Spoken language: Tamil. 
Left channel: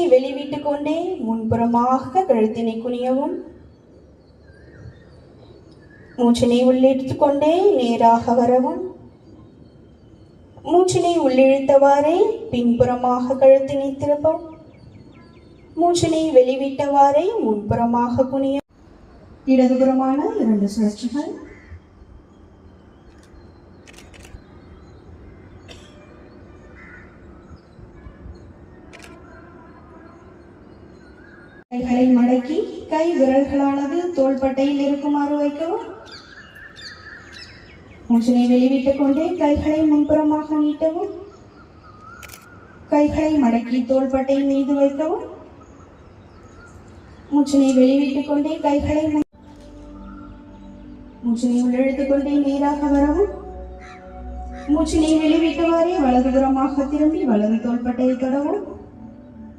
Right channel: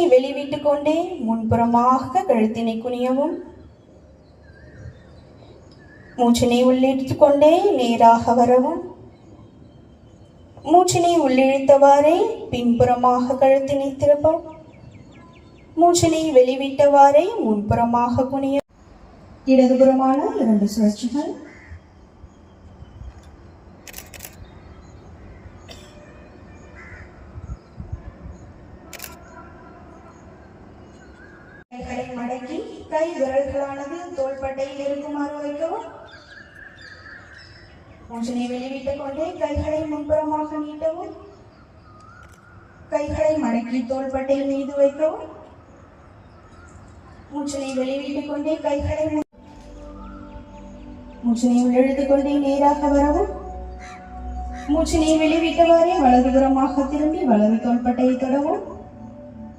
மூச்சினை வெளிவிட்டுக் கொண்டே முன்புறமாக கழுத்தினை குனியவும். மூச்சினை உள்ளிழுத்துக் கொண்டே நேராக வரவும். மூச்சினை உள்ளிழுத்தவாறே பின்புறமாக கழுத்தினை திருப்பவும். மூச்சினை வெளிவிட்டவாறே முன்புறமாக குனிய. இடதுபுறமான 2 சுழற்சிகள். கைகளை மடக்கி கை விரல்களானது தோள்பட்டையில் இருக்குமாறு வைக்கவும். மூச்சினை வெளிவிட்டுக் கொண்டே கைகளை முன்புறமாக நீட்டவும். கைகளை மடக்கி தோள்பட்டை மீது வைக்கவும். மூச்சினை வெளிவிட்டுக் கொண்டே கைகளை மூச்சினை உள்ளிழுத்துக் கொண்டே நேராக வரவும். மூச்சினை வெளிவிட்டவாறே வலதுபுறமாக திரும்பி வலது தோள்பட்டையை தொடவும்.